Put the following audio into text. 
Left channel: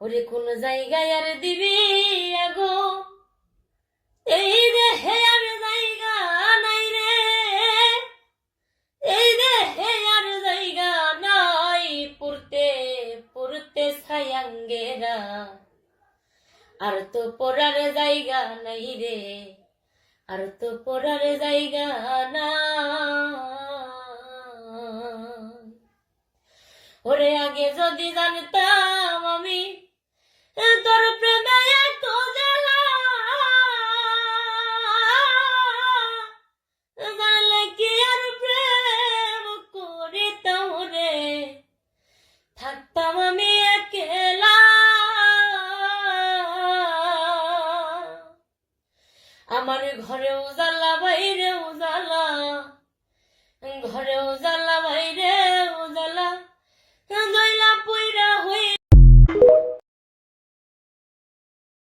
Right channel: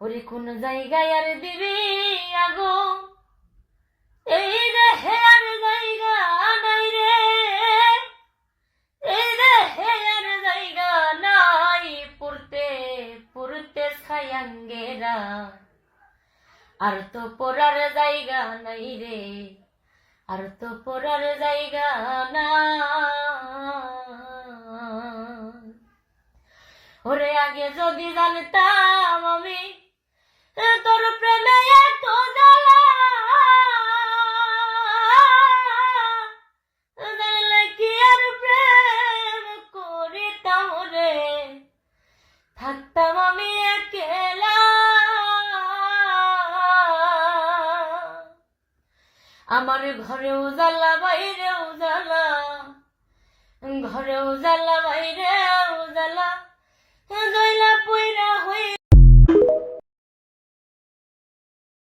ওরে কোন জায়গায় আর দিবি আগো, এই দেহে আর জায়গা নাই রে, এই দেহে আর জায়গা নাই, পুরতে পুরতে ছায়াঙ্গেরা, আর তো পড়ার জায়গা নাই রে, আর তো পড়ার জায়গা নাই। ওরে আগে যদি জানতাম আমি তোর প্রেমে এত জ্বালা, জানলে কি আর প্রেম করিতাম রে, থাকতাম আমি একলা। আমার ঘরেও জ্বালা বাইরেও জ্বালা, ঘরেও জ্বালা বাইরেও জ্বালা,